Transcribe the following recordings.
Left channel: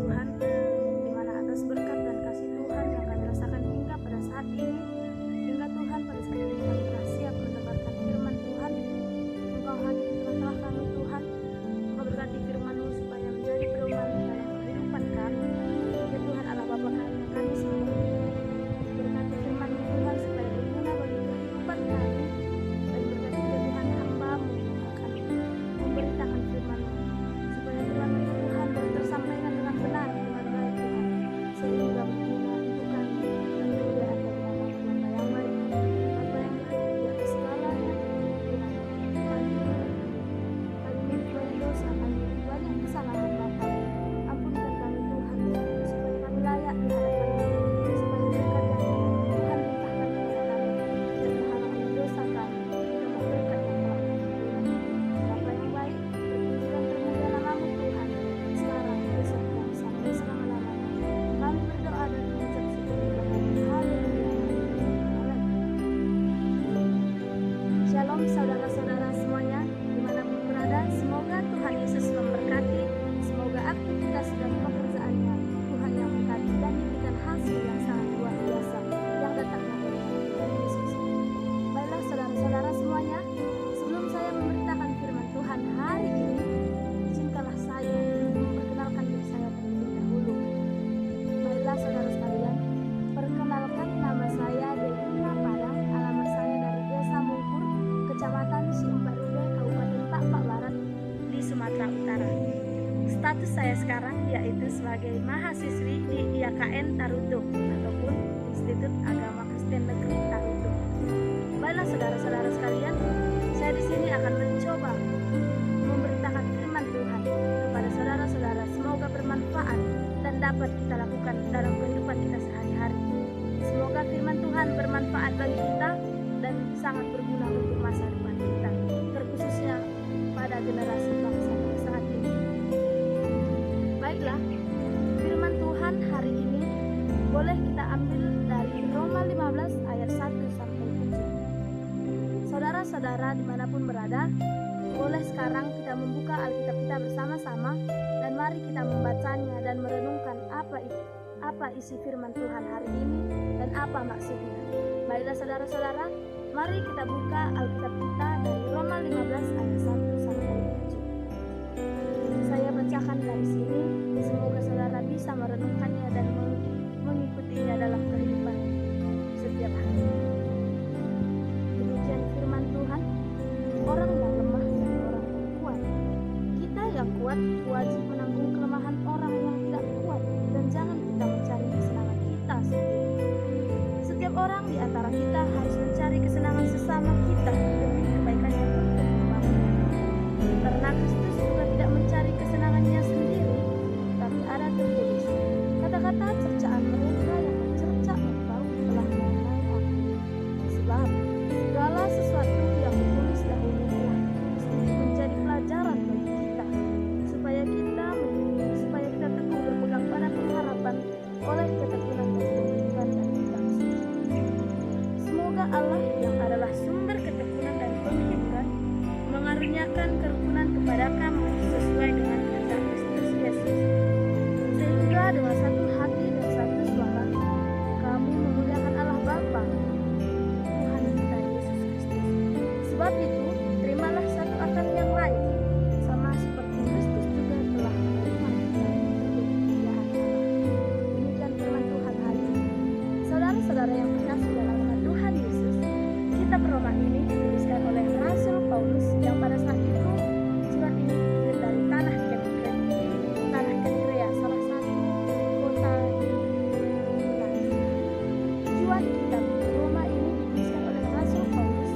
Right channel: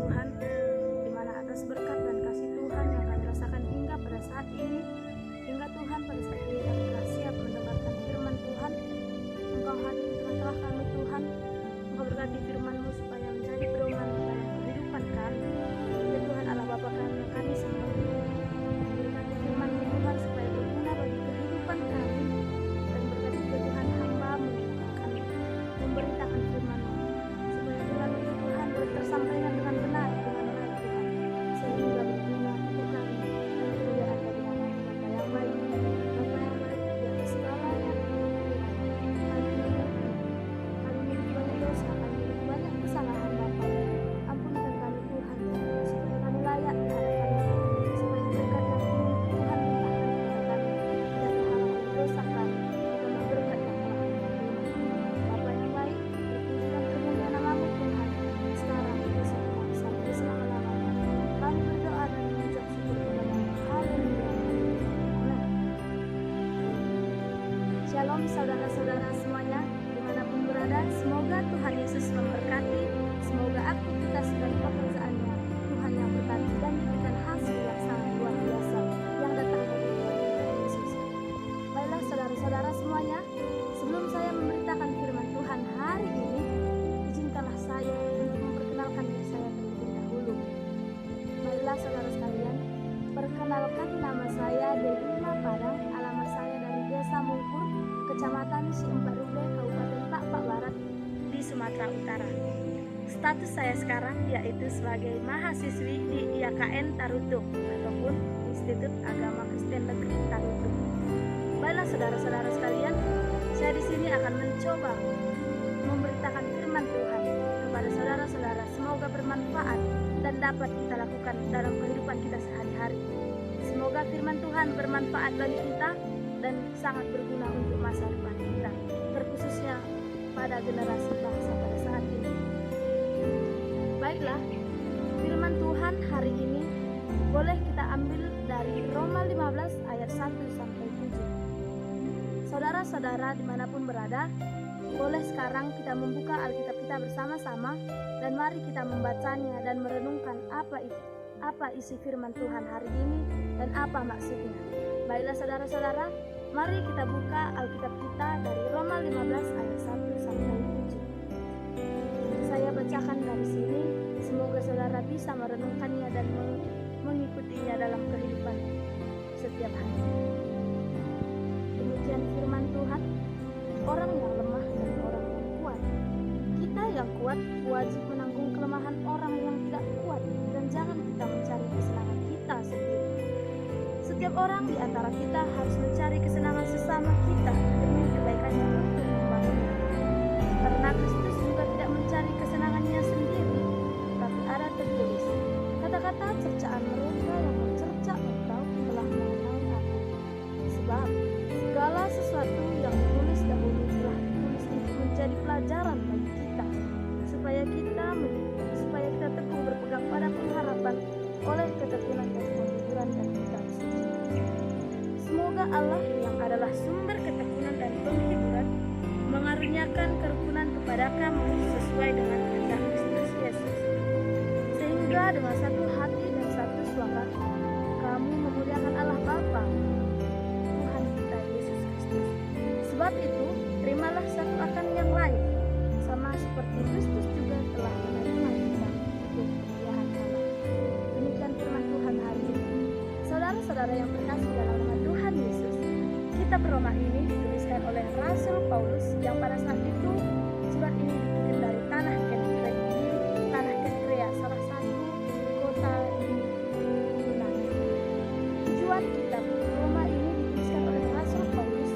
Tuhan, di mana atas berkat dan kasih Tuhan yang kami rasakan hingga pada saat ini, hingga Tuhan pada saat ini kami telah siap mendengarkan firman Tuhan. Engkau hadir di tengah-tengah kami Tuhan. Engkau berkati firman-Mu supaya menjadi pedoman dalam kehidupan kami. Ya Tuhan Allah Bapa kami yang kami sembah, berkati firman-Mu Tuhan supaya berguna bagi kehidupan kami, dan berkati juga Tuhan hamba-Mu yang akan memberitakan firman-Mu, supaya firman-Mu itu Tuhan boleh tersampaikan dengan benar, dengan baik Tuhan, sehingga berguna untuk kami dan kemuliaan bagi nama Bapa yang baik. Bapa yang baik di atas segalanya Tuhan, kami mengerti kami memiliki banyak dosa, kami memiliki banyak kesalahan Bapa. Ampunkan kami Tuhan, supaya kami layak di hadapan-Mu, supaya berkat yang ingin Tuhan limpahkan kepada kami tidak terhalang oleh dosa kami, ditambah berkat yang telah kami terima. Bapa yang baik, terpuji dan termulia nama-Mu Tuhan, sekarang, besok, dan sampai selama-lamanya. Kami berdoa dan mengucap syukur kepada-Mu. Haleluya. Amin. Shalom saudara-saudara semuanya, dimanapun berada, semoga Tuhan Yesus memberkati, semoga aktivitas dan pekerjaannya Tuhan yang berkati dan diberikan hasil yang sangat luar biasa yang datangnya dari Tuhan Yesus. Baiklah saudara-saudara semuanya, sebelum saya memberitakan firman Tuhan hari ini, izinkanlah saya untuk memperkenalkan diri saya terlebih dahulu. Baiklah saudara sekalian, perkenalkan nama saya Devina Padang, alamat saya dari Desa Mungkur, Kecamatan Siemparube, Kabupaten Pak Barat di Sumatera Utara. Status saya sekarang yaitu sebagai mahasiswi di IAKN Tarutung ataupun Institut Agama Kristen Negeri Tarutung. Baiklah saudara-saudara sekalian, saya di sini akan mencoba memberitakan firman Tuhan kepada saudara-saudara, semoga bermanfaat dan dapat kita lakukan dalam kehidupan kita sehari-hari. Semoga firman Tuhan bermanfaat bagi kita dan sangat berguna untuk masa depan kita, terkhususnya pada generasi bangsa pada saat ini. Baiklah, firman Tuhan hari ini boleh kita ambil dari Roma 15 ayat 1 sampai 7. Saudara-saudara dimanapun berada, boleh sekarang kita membuka Alkitab kita bersama-sama, dan mari kita membacanya dan merenungkan apa isi firman Tuhan hari ini dan apa maksudnya. Baiklah saudara-saudara, mari kita buka Alkitab kita dari Roma 15 ayat 1 sampai 7. Saya bacakan dari sini, semoga saudara bisa merenungkannya dan mengikutinya dalam kehidupan setiap hari. Demikian firman Tuhan, orang yang lemah dan orang yang kuat. Kita yang kuat wajib menanggung kelemahan orang yang tidak kuat, dan jangan kita mencari kesenangan kita sendiri. Setiap orang di antara kita harus mencari kesenangan sesama kita demi kebaikannya untuk membangunnya. Karena Kristus juga tidak mencari kesenangannya sendiri, tapi ada tertulis, kata-kata cercaan mereka yang mencerca engkau telah mengenai aku. Sebab segala sesuatu yang ditulis dahulu telah ditulis untuk menjadi pelajaran bagi kita, supaya kita teguh berpegang pada pengharapan oleh ketekunan dan penghiburan dan kitab suci. Semoga Allah yang adalah sumber ketekunan dan penghiburan mengaruniakan kerukunan kepada kamu sesuai dengan kehendak Kristus Yesus, sehingga dengan satu hati dan satu suara kamu memuliakan Allah Bapa Tuhan kita Yesus Kristus. Sebab itu terimalah satu akan yang lain, sama seperti Kristus juga telah menerima kita untuk kemuliaan Allah. Demikian firman Tuhan hari ini. Saudara-saudara yang terkasih dalam nama Tuhan Yesus, kitab Roma ini dituliskan oleh Rasul Paulus yang pada saat itu surat ini dikirim dari tanah Kenkrea, salah satu kota di Yunani. Tujuan kitab Roma ini dituliskan oleh Rasul Paulus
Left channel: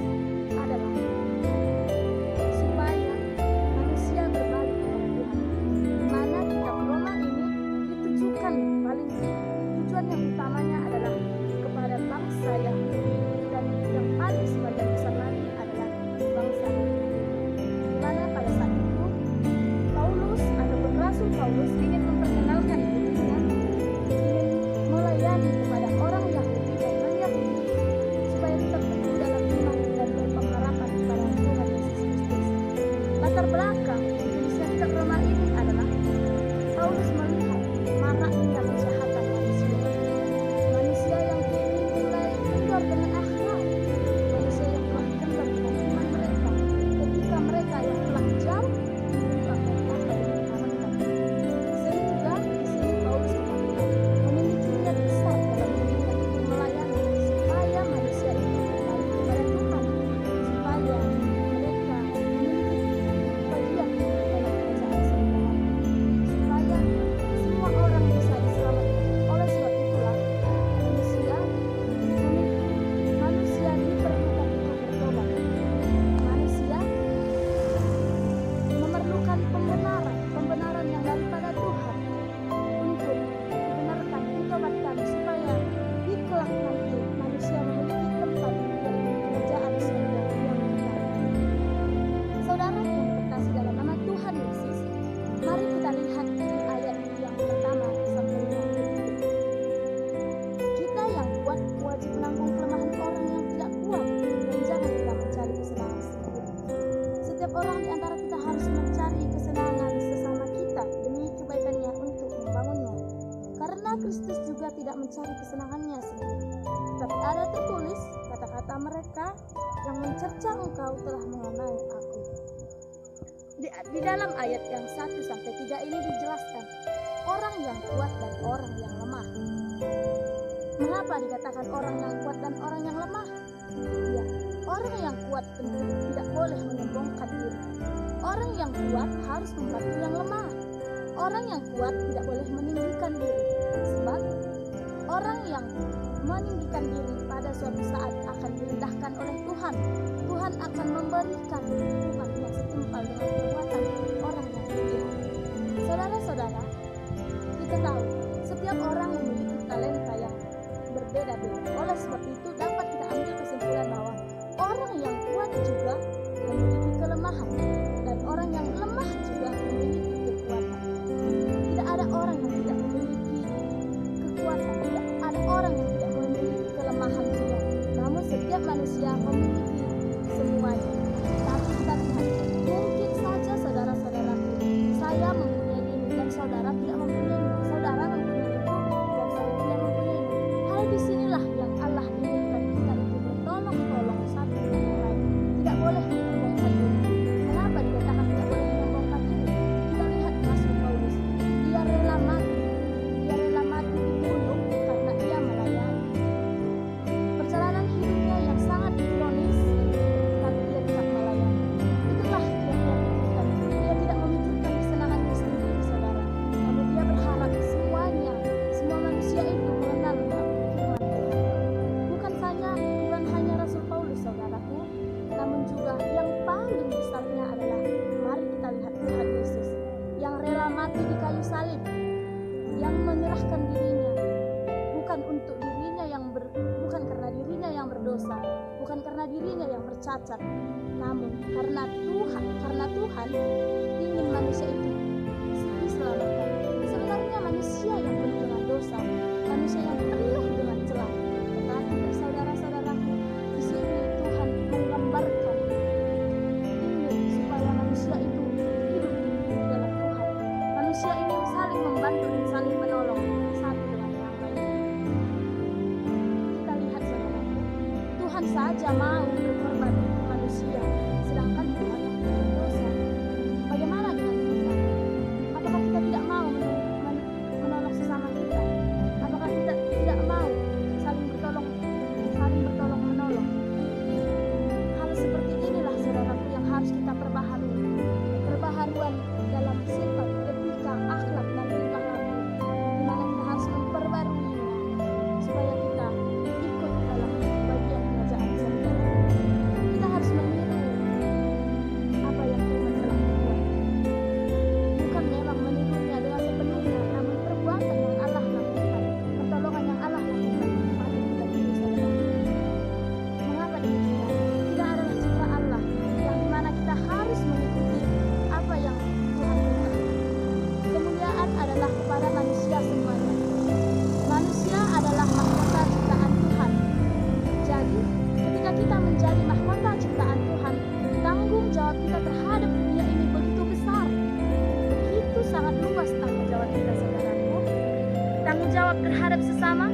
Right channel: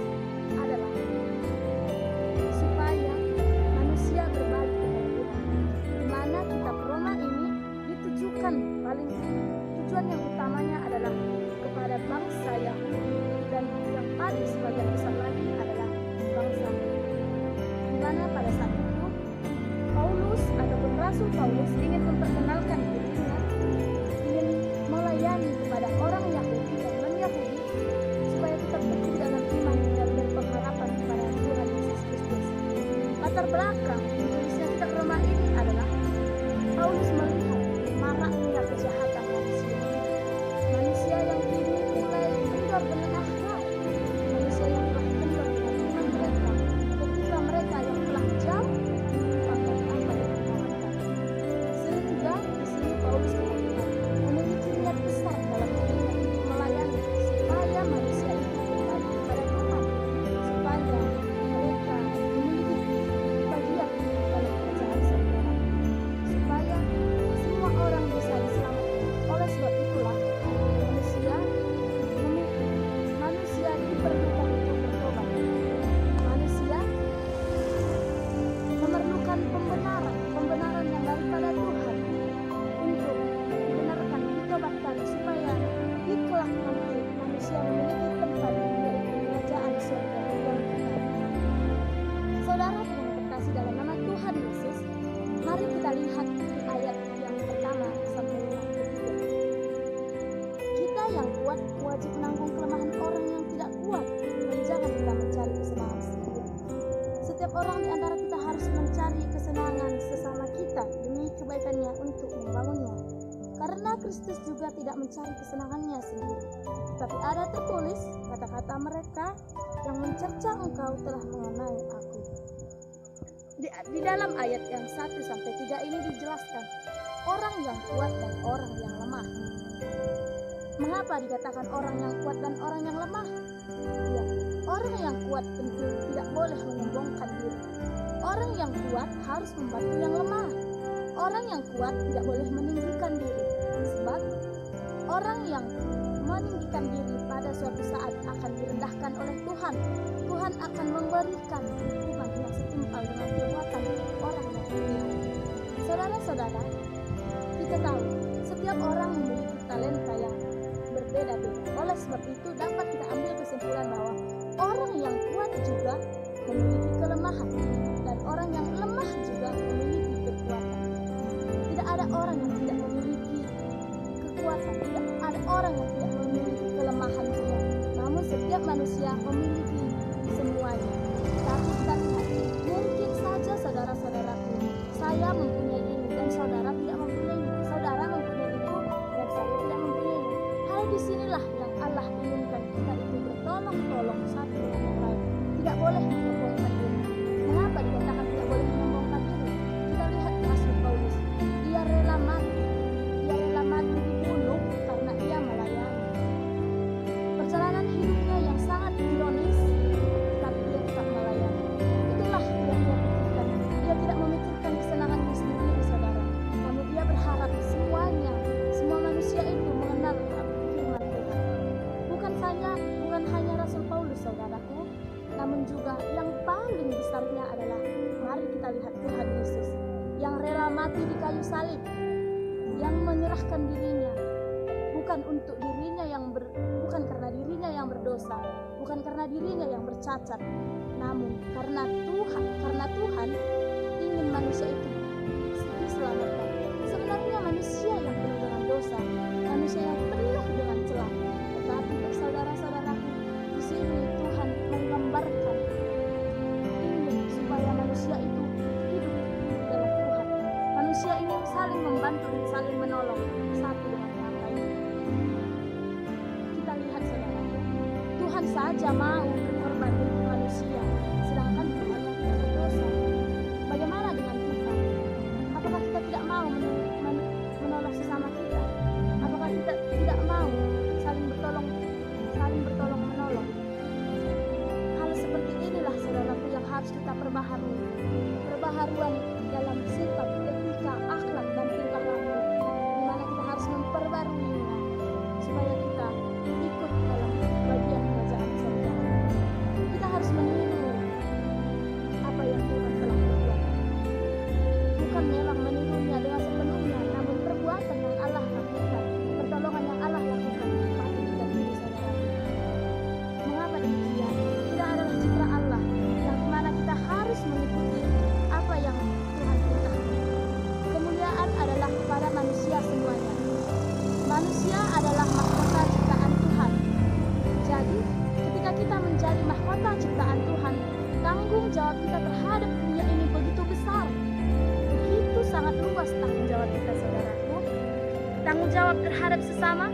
adalah supaya manusia berbalik kepada Tuhan. Di mana kitab Roma ini ditujukan tujuan yang utamanya adalah kepada bangsa Yahudi, dan yang paling sebagian besar lagi adalah bangsa non-Yahudi. Di mana pada saat itu Paulus ataupun Rasul Paulus ingin memperkenalkan dirinya, ingin melayani kepada orang Yahudi dan non-Yahudi supaya tetap teguh dalam iman dan berpengharapan kepada Tuhan Yesus Kristus. Latar belakang ditulisnya kitab Roma ini adalah Paulus melihat maraknya kejahatan manusia. Manusia yang kini mulai kendor dengan akhlak, manusia yang telah kendor dengan iman mereka, ketika mereka yang telah jauh menyimpang dari apa yang diharapkan. Sehingga di sini Paulus kita lihat memiliki niat besar dalam dirinya untuk melayani supaya manusia itu kembali kepada Tuhan, supaya mereka memiliki bagian dalam kerajaan surga nanti, supaya semua orang bisa diselamatkan. Oleh sebab itulah manusia diperlukan untuk bertobat. Manusia memerlukan pembenaran yang daripada Tuhan untuk dibenarkan, ditobatkan, supaya di kelak nanti manusia memiliki tempat, yaitu kerajaan surga yang kekal. Saudara yang terkasih dalam nama Tuhan Yesus, mari kita lihat di ayat yang pertama sampai yang ketiga. Kita yang kuat wajib menanggung kelemahan orang yang tidak kuat, dan jangan kita mencari kesenangan sendiri. Setiap orang di antara kita harus mencari kesenangan sesama kita demi kebaikannya untuk membangunnya. Karena Kristus juga tidak mencari kesenangannya sendiri, tapi ada tertulis kata-kata mereka yang mencerca engkau telah mengenai aku. Di dalam ayat yang 1-3 ini dijelaskan orang yang kuat dan orang yang lemah. Mengapa dikatakan orang yang kuat dan orang yang lemah? Ya, orang yang kuat tentu tidak boleh menyombongkan diri. Orang yang kuat harus membantu yang lemah. Orang yang kuat tidak boleh meninggikan diri, sebab orang yang meninggikan diri pada suatu saat akan direndahkan oleh Tuhan. Tuhan akan memberikan hukuman yang setimpal dengan perbuatan orang yang berpihak. Saudara-saudara, kita tahu setiap orang memiliki talenta yang berbeda-beda. Oleh sebab itu dapat kita ambil kesimpulan bahwa orang yang kuat juga memiliki kelemahan, dan orang yang lemah juga memiliki kekuatan. Tidak ada orang yang tidak memiliki kekuatan, tidak ada orang yang tidak memiliki kelemahan juga. Namun setiap manusia memiliki semuanya. Tapi kita lihat, mungkin saja saudara-saudaraku, saya mempunyai ini dan saudara tidak mempunyainya. Saudara mempunyai itu dan saya tidak mempunyainya. Hal disinilah yang Allah inginkan, kita itu bertolong-tolong satu dengan yang lain. Tidak boleh menyombongkan diri. Mengapa dikatakan tidak boleh menyombongkan diri? Kita lihat Rasul Paulus, dia rela mati dibunuh karena ia melayani. Perjalanan hidupnya yang sangat ironis, tapi dia tetap melayani. Itulah yang ia pikirkan. Dia tidak memikirkan kesenangannya sendiri, saudara. Namun dia berharap semua manusia itu mengenal firman Tuhan. Bukan hanya Rasul Paulus, saudaraku, namun juga yang paling besarnya adalah, mari kita lihat Tuhan Yesus yang rela mati di kayu salib, yang menyerahkan dirinya bukan untuk dirinya bukan karena dirinya yang berdosa, bukan karena dirinya yang bercacat, namun karena Tuhan ingin manusia itu diselamatkan. Sebenarnya manusia yang penuh dengan dosa, manusia yang penuh dengan celah, tetapi saudara-saudaraku, di sini Tuhan menggambarkan ingin supaya manusia itu hidup dalam Tuhan. Manusia ini saling membantu dan saling menolong satu dengan yang lainnya. Kita lihat, saudaraku, Tuhan saja mau berkorban untuk manusia, sedangkan Tuhan yang tidak berdosa. Bagaimana dengan kita? Apakah kita tidak mau menolong sesama kita? Apakah kita tidak mau saling bertolong menolong? Hal seperti inilah, saudaraku, yang harus kita perbaharui. Perbaharuan dalam sifat, etika, akhlak, dan tingkah laku, di mana kita harus memperbaruinya supaya kita ikut dalam bagian kerajaan surga. Kita harus meniru apa yang Tuhan telah berbuat. Bukan memang menirunya dengan sepenuhnya, namun perbuatan yang Allah lakukan, pertolongan yang Allah lakukan, patut kita tiru, saudara. Mengapa demikian? Kita adalah citra Allah, yang dimana kita harus mengikuti apa yang Tuhan perintahkan. Kemuliaan adalah kepada manusia semuanya. Manusia adalah mahkota ciptaan Tuhan. Jadi, ketika kita menjadi mahkota ciptaan Tuhan, tanggung jawab kita terhadap dunia ini begitu besar, begitu Begitu sangat luas tanggung jawab kita, saudaraku. Tanggung jawab terhadap sesama,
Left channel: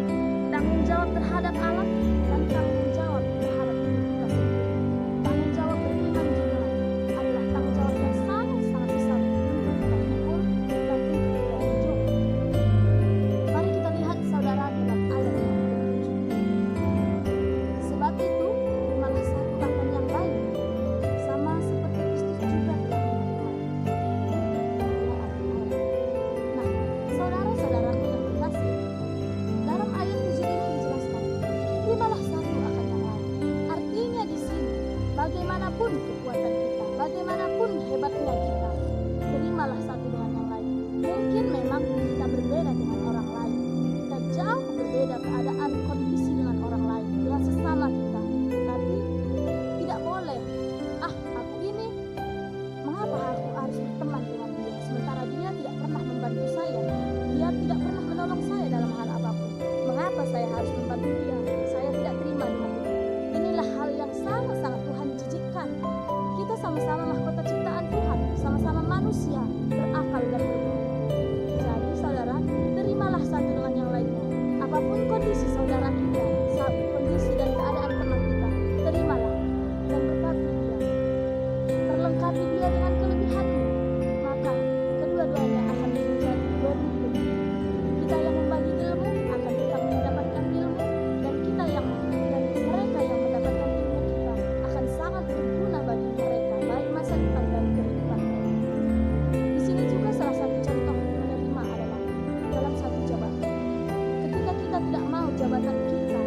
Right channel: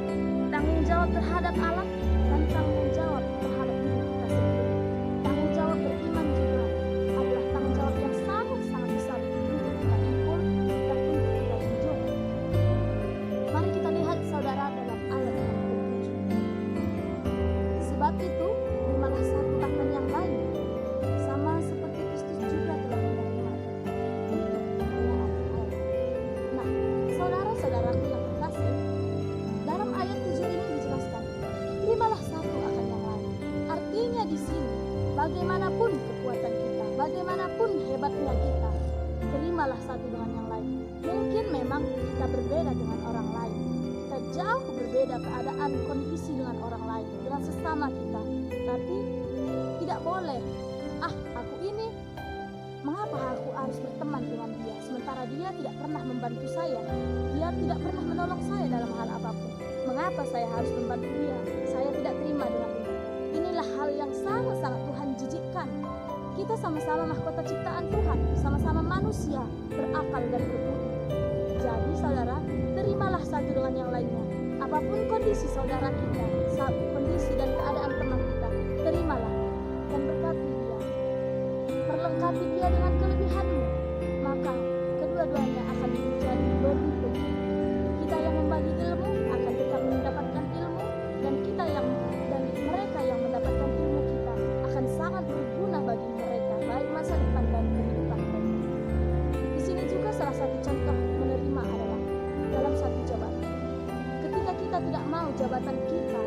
tanggung jawab terhadap alam, dan tanggung jawab terhadap diri kita sendiri. Tanggung jawab beriman juga adalah tanggung jawab yang sangat-sangat besar untuk kita pikul dan untuk kita junjung. Mari kita lihat saudara dalam ayat yang ke-7. Sebab itu, terimalah satu akan yang lain, sama seperti Kristus juga telah menerima kita untuk kemuliaan Allah. Nah, saudara-saudaraku yang terkasih, dalam ayat 7 ini dijelaskan, terimalah satu akan yang lain. Artinya di sini, bagaimanapun kekuatan kita, bagaimanapun hebatnya kita, terimalah satu dengan yang lain. Mungkin memang kita berbeda dengan orang lain, kita jauh berbeda keadaan kondisi dengan orang lain, dengan sesama kita. Tapi tidak boleh, aku ini, mengapa aku harus berteman dengan dia, sementara dia tidak pernah membantu saya, dia tidak pernah menolong saya dalam hal apapun. Mengapa saya harus membantu dia? Saya tidak terima dengan itu. Inilah hal yang sangat-sangat Tuhan jijikkan. Kita sama-sama mahkota ciptaan Tuhan, sama-sama manusia berakal dan berbudi. Jadi saudara, terimalah satu dengan yang lainnya. Apapun kondisi saudara kita, kondisi dan keadaan teman kita, terimalah dan berkati dia. Perlengkapi dia dengan kelebihanmu, maka kedua-duanya akan menjadi beruntun. Kita yang membagi ilmu akan tetap mendapatkan ilmu, dan mereka yang mendapatkan ilmu kita akan sangat berguna bagi mereka, baik masa depan dan kehidupan mereka. Di sini juga salah satu contoh menerima adalah dalam satu jabatan. Ketika kita tidak mau jabatan kita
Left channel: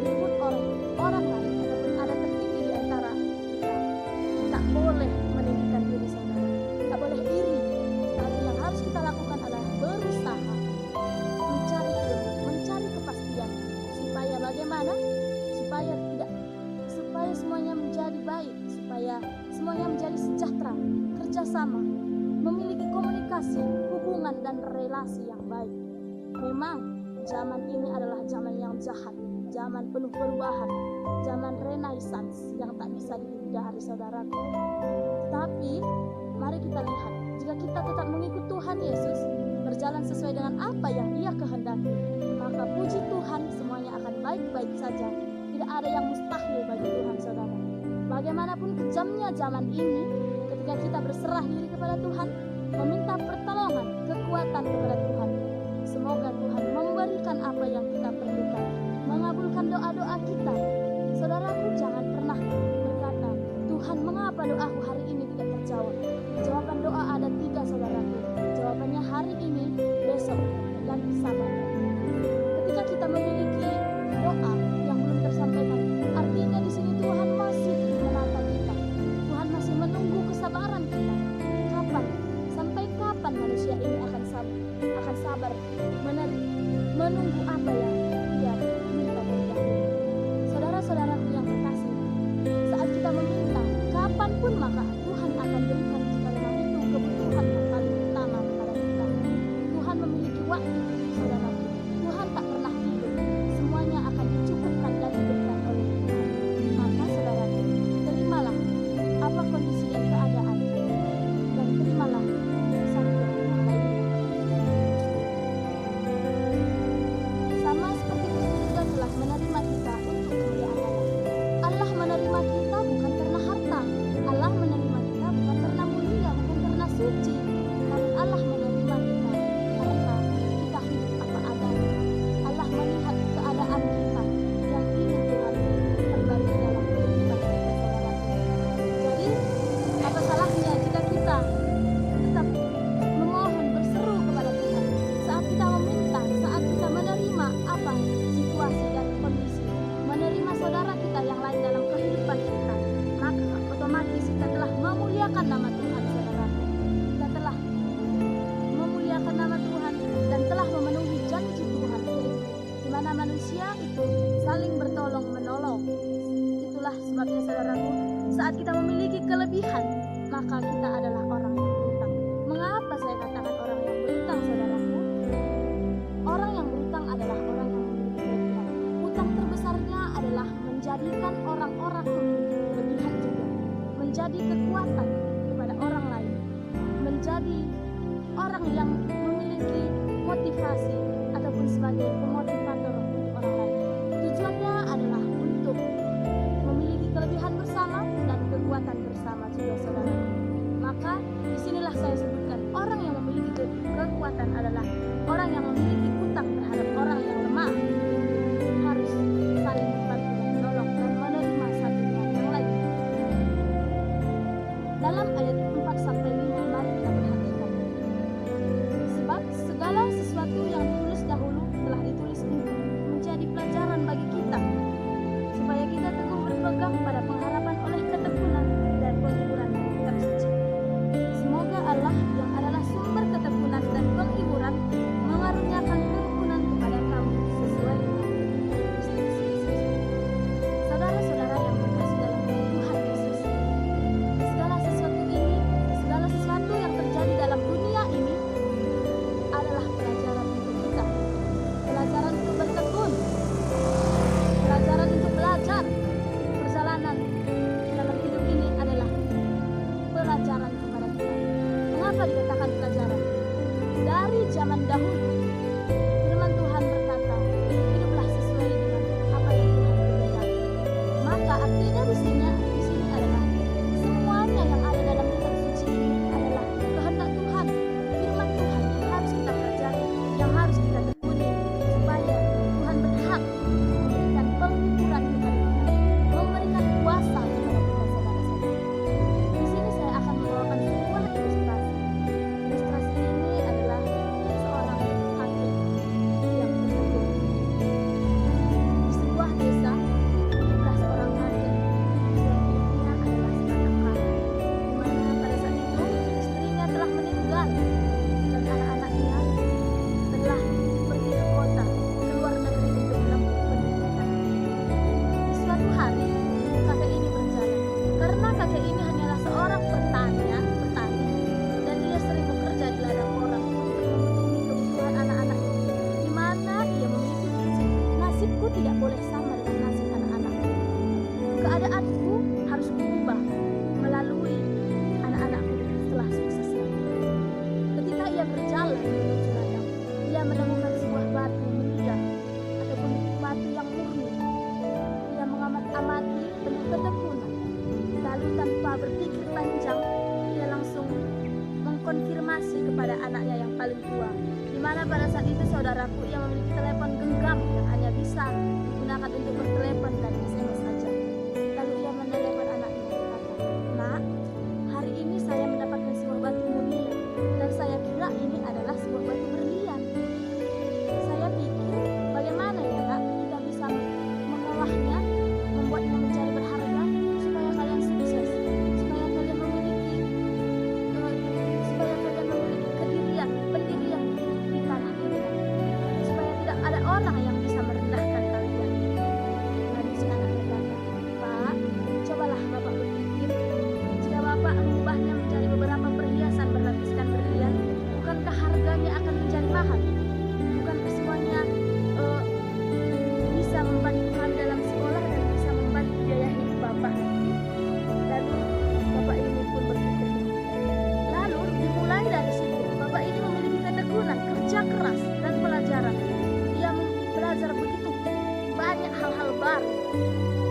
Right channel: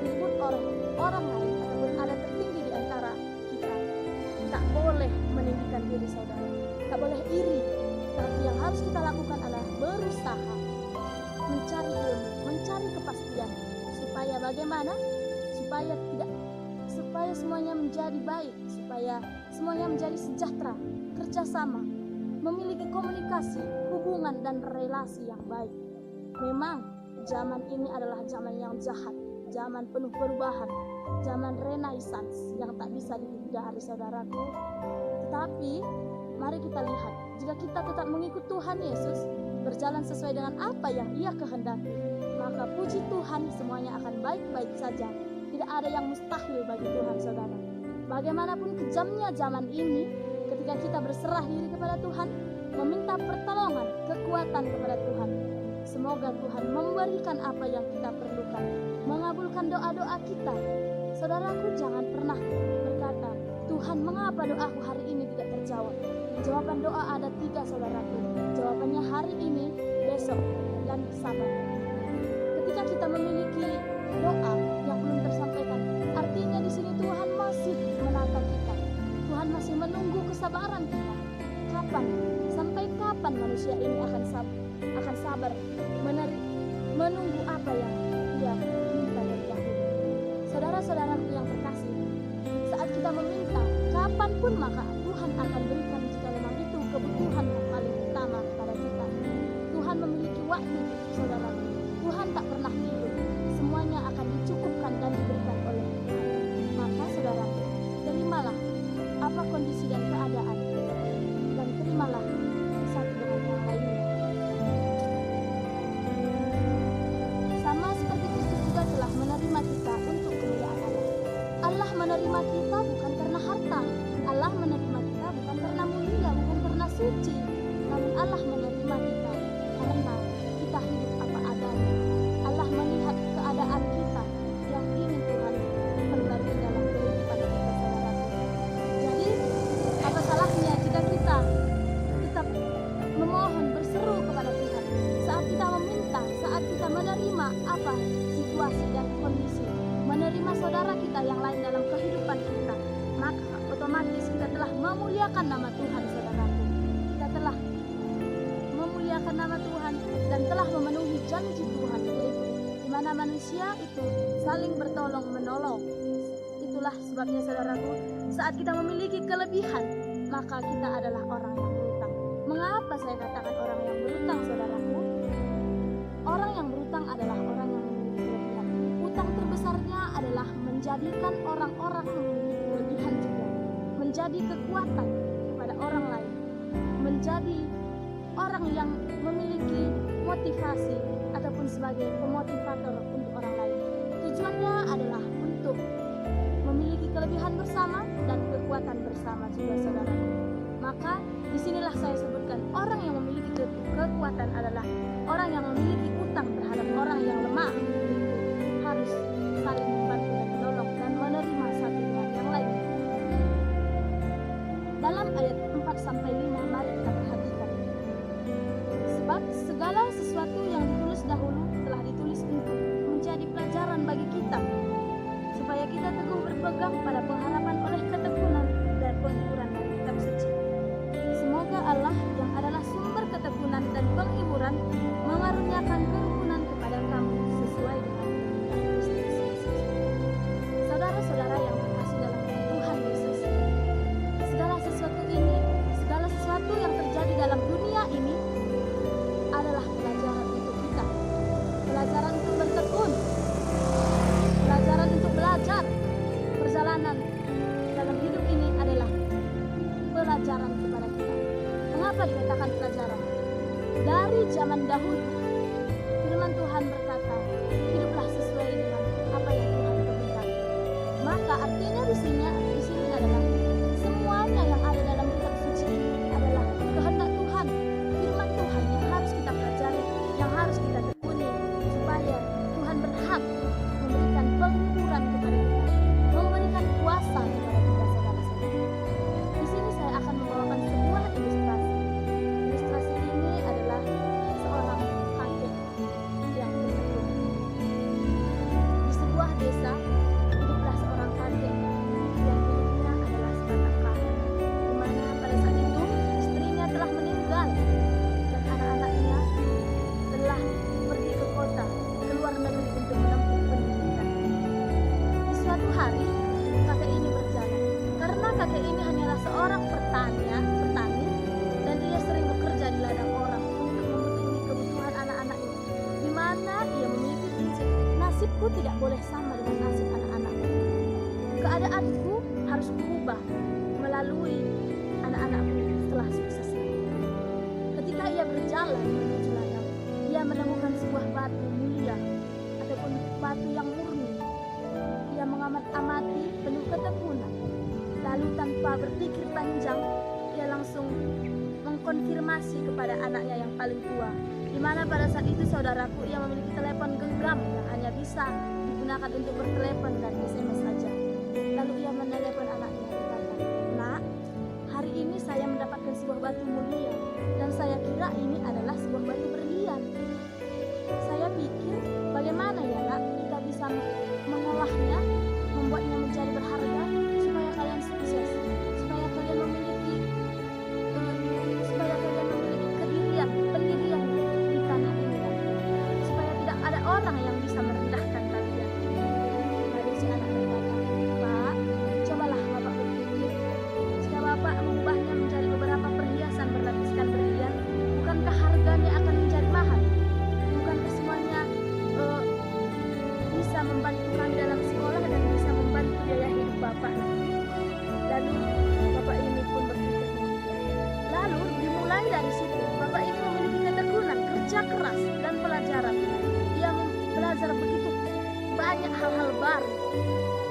direbut oleh orang lain ataupun ada tertinggi di antara kita, tak boleh meninggikan diri saudara, tak boleh iri. Tapi yang harus kita lakukan adalah berusaha mencari ilmu, mencari kepastian, supaya bagaimana? Supaya semuanya menjadi baik, supaya semuanya menjadi sejahtera, kerjasama, memiliki komunikasi, hubungan dan relasi yang baik. Memang zaman ini adalah zaman yang jahat, zaman penuh perubahan, zaman renaissance yang tak bisa dihindari saudaraku. Tetapi mari kita lihat, jika kita tetap mengikut Tuhan Yesus, berjalan sesuai dengan apa yang Ia kehendaki, maka puji Tuhan semuanya akan baik-baik saja. Tidak ada yang mustahil bagi Tuhan saudara. Bagaimanapun kejamnya zaman ini, ketika kita berserah diri kepada Tuhan, meminta pertolongan, kekuatan kepada Tuhan, semoga Tuhan memberikan apa yang kita perlukan, mengabulkan doa-doa kita. Saudaraku, jangan pernah berkata, Tuhan, mengapa doaku hari ini tidak terjawab? Jawaban doa ada 3 saudaraku. Jawabannya hari ini, besok, dan sabar. Ketika kita memiliki doa yang belum tersampaikan, artinya di sini Tuhan masih menata kita. Tuhan masih menunggu kesabaran kita. Sampai kapan manusia ini akan sabar menunggu apa yang Dia minta dari dahulu? Saudara-saudaraku yang terkasih, saat kita meminta, kapanpun maka Tuhan akan berikan jika memang itu kebutuhan yang paling utama kepada kita. Tuhan memiliki waktu, saudaraku. Tuhan tak pernah tidur. Semuanya akan dicukupkan dan diberikan oleh Tuhan. Maka saudaraku, terimalah apa kondisi dan keadaan, dan terimalah satu dengan yang lainnya. Sama seperti Kristus juga telah menerima kita untuk kemuliaan Allah. Allah menerima kita bukan karena harta. Allah menerima kita bukan karena mulia, bukan karena suci. Namun Allah menerima kita karena kita hidup apa adanya. Allah melihat keadaan kita yang ingin Tuhan perbarui dalam kehidupan kita, saudaraku. Jadi, apa salahnya jika kita tetap memohon, berseru kepada Tuhan saat kita meminta, saat kita menerima apa situasi dan kondisi, menerima saudara kita yang lain dalam kehidupan kita, maka otomatis kita telah memuliakan nama Tuhan, saudaraku. Kita telah memuliakan nama Tuhan dan telah memenuhi janji Tuhan, yaitu di mana manusia itu saling bertolong menolong. Itulah sebabnya saudaraku, saat kita memiliki kelebihan, maka kita adalah orang yang berutang. Mengapa saya katakan orang yang berutang, saudaraku? Orang yang berutang adalah orang yang memiliki kelebihan. Utang terbesarnya adalah menjadikan orang-orang memiliki kelebihan juga, menjadi kekuatan kepada orang lain, menjadi orang yang memiliki motivasi ataupun sebagai pemotivator untuk orang lain. Tujuannya adalah untuk memiliki kelebihan bersama dan kekuatan bersama juga, saudaraku. Maka disinilah saya sebutkan orang yang memiliki kekuatan adalah orang yang memiliki utang terhadap orang yang lemah, yaitu harus saling membantu dan menolong dan menerima satu dengan yang lain. Dalam ayat 4-5 mari kita perhatikan. Sebab segala sesuatu yang ditulis dahulu telah ditulis untuk menjadi pelajaran bagi kita, supaya kita teguh berpegang pada pengharapan oleh ketekunan dan penghiburan dari kitab suci. Semoga Allah yang adalah sumber ketekunan dan penghiburan mengaruniakan kerukunan kepada kamu sesuai dengan kehendak Kristus Yesus. Saudara-saudara yang terkasih dalam Tuhan Yesus, segala sesuatu yang terjadi dalam dunia ini adalah pelajaran untuk kita, pelajaran untuk bertekun, pelajaran untuk belajar. Perjalanan dalam hidup ini adalah pelajaran kepada kita. Mengapa dikatakan pelajaran? Dari zaman dahulu firman Tuhan berkata, hiduplah sesuai dengan apa yang Tuhan kehendaki. Maka artinya di sini adalah semuanya yang ada dalam kitab suci ini adalah kehendak Tuhan, firman Tuhan yang harus kita pelajari, yang harus kita tekuni, supaya Tuhan berhak memberikan penghiburan kepada kita, memberikan kuasa kepada kita, saudara-saudara. Di sini saya akan membawakan sebuah ilustrasi. Ilustrasi ini adalah seorang kakek yang bertekun. Di sebuah desa hiduplah seorang kakek yang hidupnya adalah sebatang kara, di mana pada saat itu istrinya telah meninggal dan anak-anaknya telah pergi ke kota, ke luar negeri untuk menempuh pendidikan. Di suatu hari kakek ini berjalan, karena kakek ini hanyalah seorang petani dan ia sering bekerja di ladang orang untuk memenuhi kebutuhan anak-anaknya, di mana ia memiliki prinsip, nasibku tidak boleh sama dengan nasib anak-anakku. Keadaanku harus berubah melalui anak-anakku setelah sukses nanti. Ketika ia berjalan menuju ladang, ia menemukan sebuah batu mulia ataupun batu yang murni. Ia mengamat-amati penuh ketekunan. Lalu tanpa berpikir panjang, ia langsung mengkonfirmasi kepada anaknya yang paling tua, di mana pada saat itu, saudaraku, ia memiliki telepon genggam yang hanya bisa digunakan untuk bertelepon dan SMS saja. Lalu ia menelepon anaknya, berkata, "Nak, hari ini saya mendapatkan sebuah batu mulia dan saya kira ini adalah sebuah batu berlian. Saya pikir bagaimana ya nak kita bisa mengolahnya, membuatnya menjadi berharga supaya kalian sukses, supaya kalian memiliki pendirian di tanah ini nanti, supaya tidak ada orang yang bisa merendahkan kalian." Lalu si anak berkata, "Pak, cobalah Bapak berpikir, jika Bapak mengubahnya menjadi beberapa perhiasan berlapiskan berlian, bukankah harganya akan menjadi mahal? Bukankah semuanya bisa membantu kami dalam sekolah dan bisa membantu biaya hidup Bapak nanti?" Lalu Bapak ini pun berpikir demikian. Lalu dimulai dari situ, Bapak ini memiliki ketekunan, kerja keras dan pelajaran. Ia belajar begitu banyak hal-hal baru.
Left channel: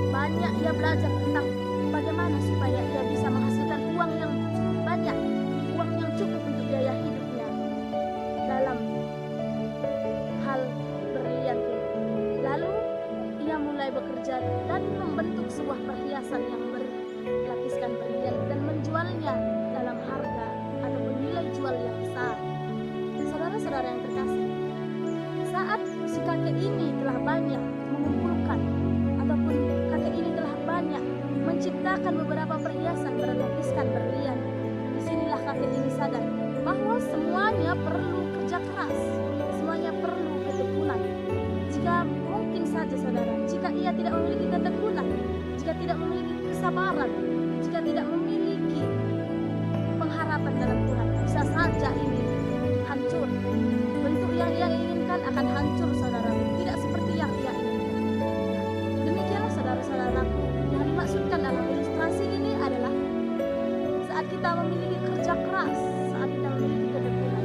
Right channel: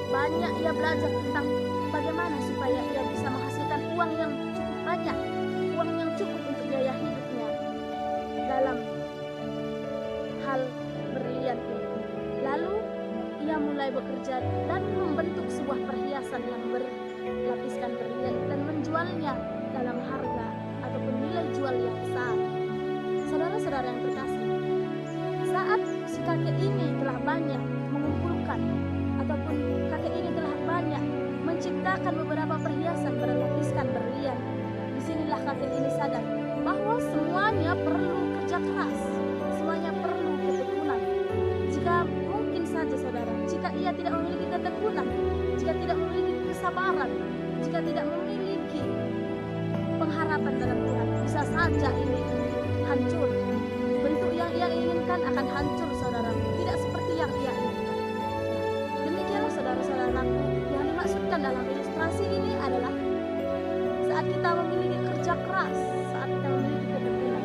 Banyak ia belajar tentang bagaimana supaya ia bisa menghasilkan uang yang cukup banyak, uang yang cukup untuk biaya hidupnya dalam hal berlian ini. Lalu ia mulai bekerja dan membentuk sebuah perhiasan yang berlapiskan berlian dan menjualnya dalam harga ataupun nilai jual yang besar. Saudara-saudara yang terkasih, saat si kakek ini telah banyak mengumpulkan ataupun kakek ini telah banyak menciptakan beberapa perhiasan berlapiskan berlian, disinilah kakek ini sadar bahwa semuanya perlu kerja keras, semuanya perlu ketekunan. Jika mungkin saja saudara, jika ia tidak memiliki ketekunan, jika tidak memiliki kesabaran, jika tidak memiliki pengharapan dalam Tuhan, bisa saja ini hancur. Bentuk yang ia inginkan akan hancur, saudaraku, tidak seperti yang ia inginkan. Nah, demikianlah saudara-saudaraku, yang dimaksudkan dalam ilustrasi ini adalah saat kita memiliki kerja keras, saat kita memiliki ketekunan,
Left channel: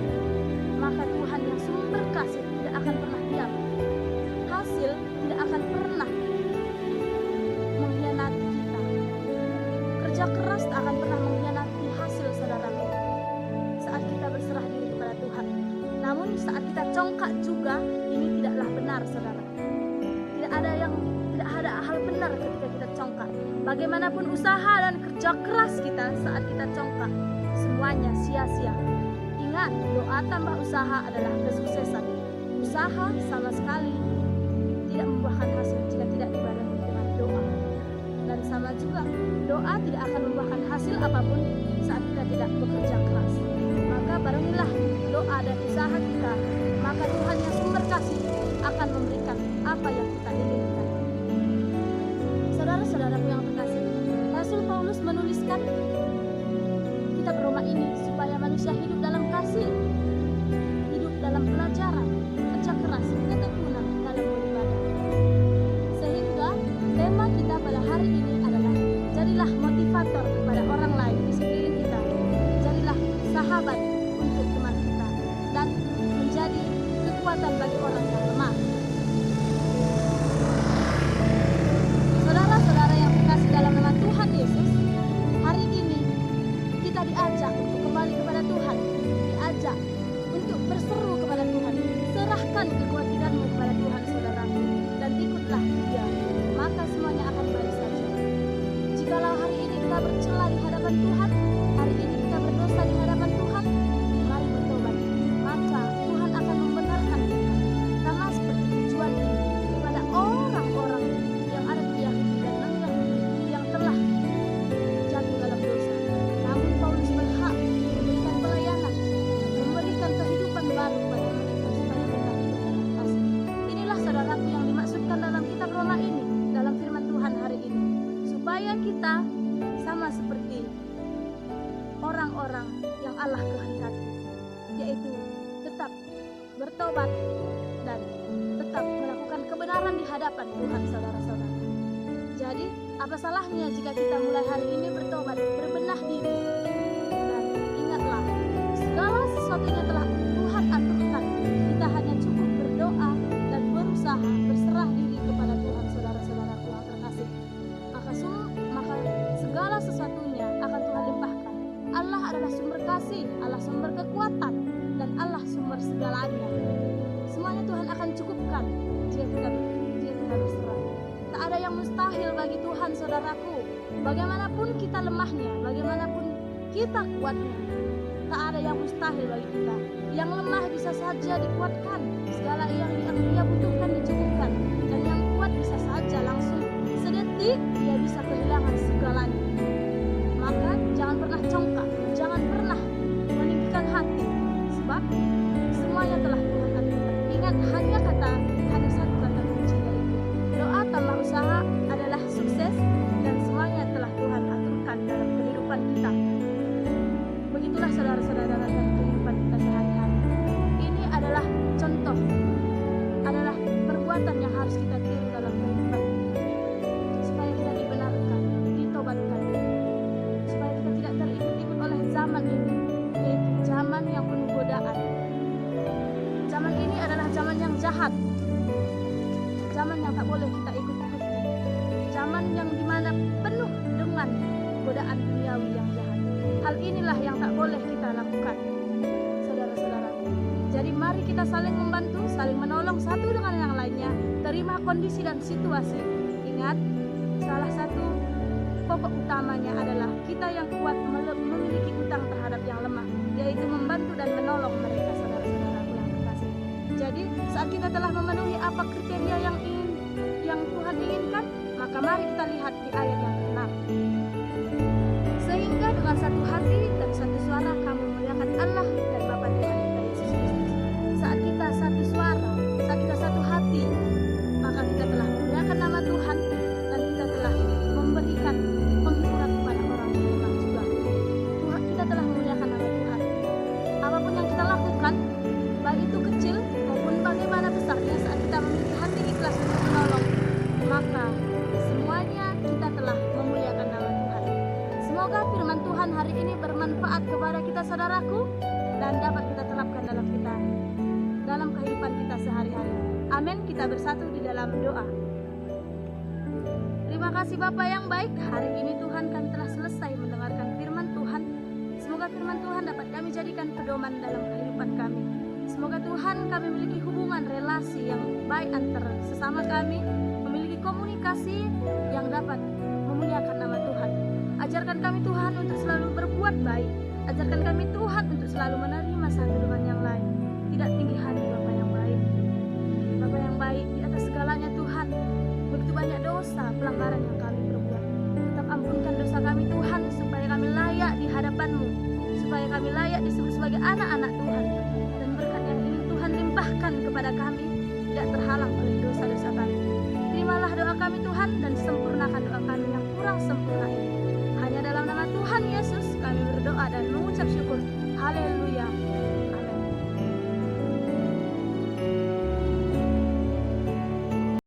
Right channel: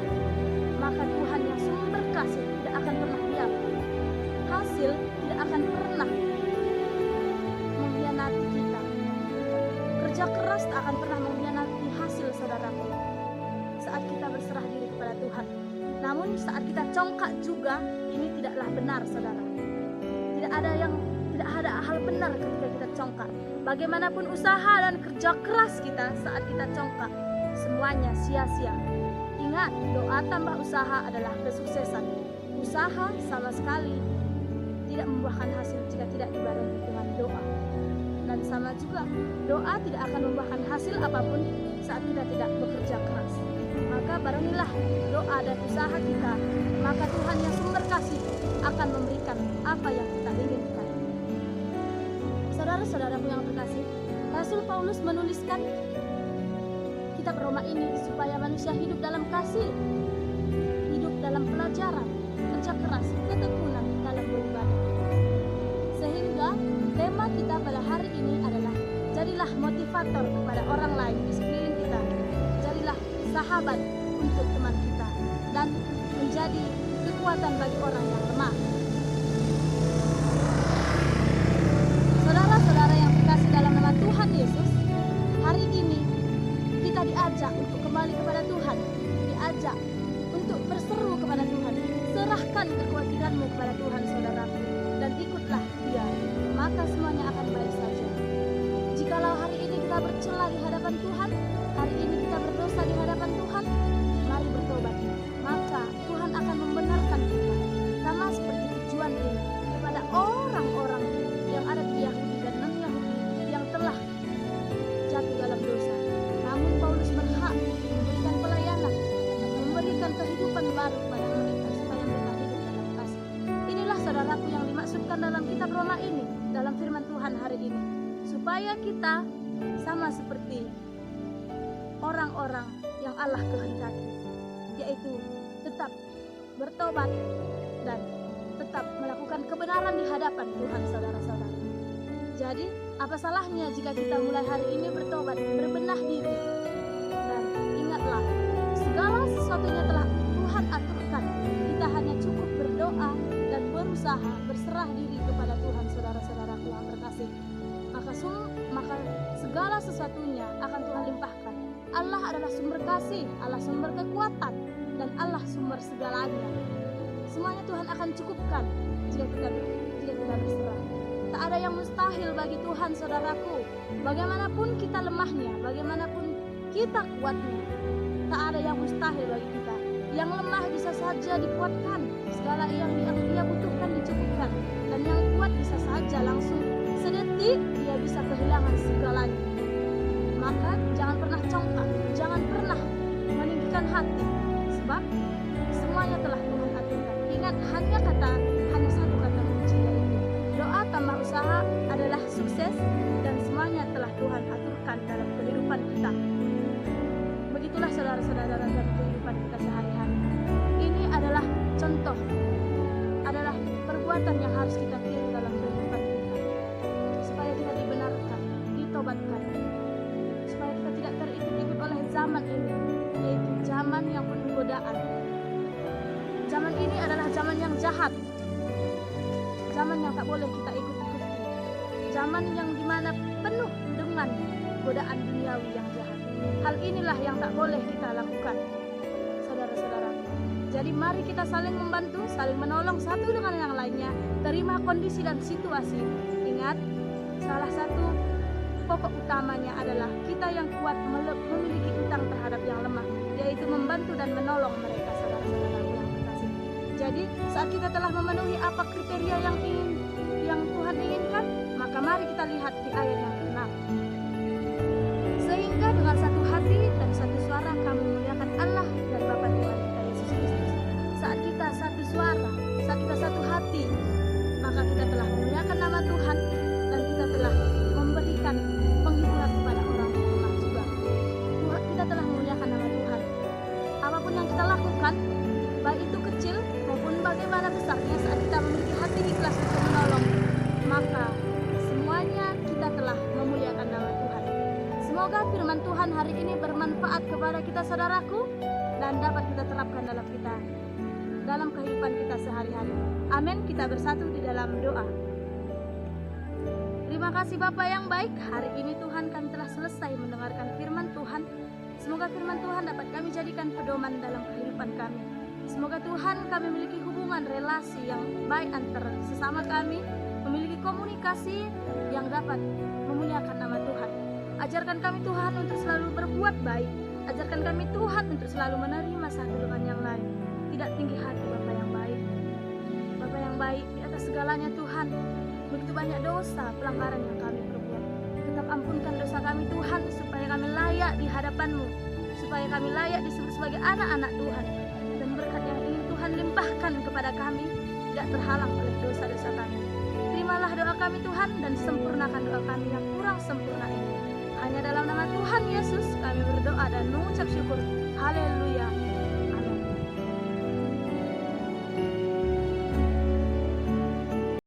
maka Tuhan yang sumber kasih tidak akan pernah diam. Hasil tidak akan pernah mengkhianati kita. Kerja keras tak akan pernah mengkhianati hasil, saudaraku, saat kita berserah diri kepada Tuhan. Namun saat kita congkak juga, ini tidaklah benar, saudara. Tidak ada hal benar ketika kita congkak. Bagaimanapun usaha dan kerja keras kita saat kita congkak, semuanya sia-sia. Ingat, doa tambah usaha adalah kesuksesan. Usaha sama sekali tidak membuahkan hasil jika tidak dibarengi dengan doa. Dan sama juga, doa tidak akan membuahkan hasil apapun saat kita tidak bekerja keras. Maka barengilah doa dan usaha kita, maka Tuhan yang sumber kasih akan memberikan apa yang kita inginkan. Saudara-saudaraku yang terkasih, Rasul Paulus menuliskan kitab Roma ini supaya manusia hidup dalam kasih, hidup dalam pelajaran, kerja keras, ketekunan dalam beribadah. Sehingga tema kita pada hari ini adalah jadilah motivator kepada orang lain di sekeliling kita. Jadilah sahabat untuk teman kita dan menjadi kekuatan bagi orang yang lemah. Saudara-saudara yang terkasih dalam nama Tuhan Yesus, hari ini kita diajak untuk kembali kepada Tuhan, diajak untuk berseru kepada Tuhan. Serahkan kekhawatiranmu kepada Tuhan, saudaraku, dan ikutlah Dia, maka semuanya akan baik saja. Jikalau hari ini kita bercela di hadapan Tuhan, hari ini kita berdosa di hadapan Tuhan, mari bertobat, maka Tuhan akan membenarkan kita. Sama seperti tujuan ini kepada orang-orang yang ada di Yahudi dan non-Yahudi yang telah jatuh dalam dosa. Namun Paulus berhak memberikan pelayanan, memberikan kehidupan baru kepada mereka supaya mereka hidup dalam kasih. Inilah saudaraku yang dimaksudkan dalam kitab Roma ini, dalam firman Tuhan hari ini, supaya kita sama seperti orang-orang yang Allah kehendaki, yaitu tetap bertobat dan tetap melakukan kebenaran di hadapan Tuhan, saudara-saudara. Jadi, apa salahnya jika kita mulai hari ini bertobat, berbenah diri, dan ingatlah, segala sesuatunya telah Tuhan aturkan. Kita hanya cukup berdoa dan berusaha berserah diri kepada Tuhan, saudara-saudaraku yang terkasih. Maka segala sesuatunya akan Tuhan limpahkan. Allah adalah sumber kasih, Allah sumber kekuatan, dan Allah sumber segalanya. Semuanya Tuhan akan cukupkan jika kita berserah. Tak ada yang mustahil bagi Tuhan, saudaraku. Bagaimanapun kita lemahnya, bagaimanapun kita kuatnya, tak ada yang mustahil bagi kita. Yang lemah bisa saja dikuatkan, segala yang dia butuhkan dicukupkan, dan yang kuat bisa saja langsung sedetik dia bisa kehilangan segalanya. Maka jangan pernah congkak, jangan pernah meninggikan hati, sebab semuanya telah Tuhan aturkan. Ingat, hanya satu kata kunci, yaitu doa tambah usaha adalah sukses, dan semuanya telah Tuhan aturkan dalam kehidupan kita. Begitulah saudara-saudara dalam kehidupan kita sehari-hari. Ini adalah contoh, adalah perbuatan yang harus kita tiru dalam kehidupan kita, supaya kita dibenarkan, ditobatkan, supaya kita tidak terikut-ikut oleh zaman ini, yaitu zaman yang penuh godaan. Zaman ini adalah zaman yang jahat, zaman yang tak boleh kita ikut-ikuti, zaman yang dimana penuh dengan godaan duniawi yang jahat. Hal inilah yang tak boleh kita lakukan, saudara-saudara. Jadi mari kita saling membantu, saling menolong satu dengan yang lainnya, terima kondisi dan situasi. Ingat, salah satu pokok utamanya adalah kita yang kuat memiliki utang terhadap yang lemah, yaitu membantu dan menolong mereka, saudara-saudaraku yang terkasih. Jadi saat kita telah memenuhi apa kriteria yang Tuhan inginkan, maka mari kita lihat di ayat yang ke-6. Sehingga dengan satu hati dan satu suara kamu memuliakan Allah dan Bapa Tuhan kita Yesus Kristus. Saat kita satu suara, saat kita satu hati, maka kita telah memuliakan nama Tuhan dan kita telah memberikan penghiburan kepada orang yang lemah juga. Kita telah memuliakan nama Tuhan. Apapun yang kita lakukan, baik itu kecil maupun bagaimana besarnya, saat kita memiliki hati ikhlas untuk menolong, maka semuanya kita telah memuliakan nama Tuhan. Semoga firman Tuhan hari ini bermanfaat kepada kita saudaraku dan dapat kita terapkan dalam kehidupan kita sehari-hari. Amin. Kita bersatu di dalam doa. Terima kasih Bapa yang baik, hari ini Tuhan kami telah selesai mendengarkan firman Tuhan. Semoga firman Tuhan dapat kami jadikan pedoman dalam kehidupan kami. Semoga Tuhan kami memiliki hubungan relasi yang baik antara sesama kami, memiliki komunikasi yang dapat memuliakan nama Tuhan. Ajarkan kami Tuhan untuk selalu berbuat baik. Ajarkan kami Tuhan untuk selalu menerima satu dengan yang lain. Tidak tinggi hati Bapa yang baik. Bapa yang baik, di atas segalanya Tuhan, begitu banyak dosa, pelanggaran yang kami perbuat. Tetap ampunkan dosa kami Tuhan, supaya kami layak di hadapan-Mu, supaya kami layak disebut sebagai anak-anak Tuhan. Dan berkat yang ingin Tuhan limpahkan kepada kami tidak terhalang oleh dosa-dosa kami. Terimalah doa kami Tuhan dan sempurnakan doa kami yang kurang sempurna ini. Hanya dalam nama Tuhan Yesus kami berdoa dan mengucap syukur. Haleluya.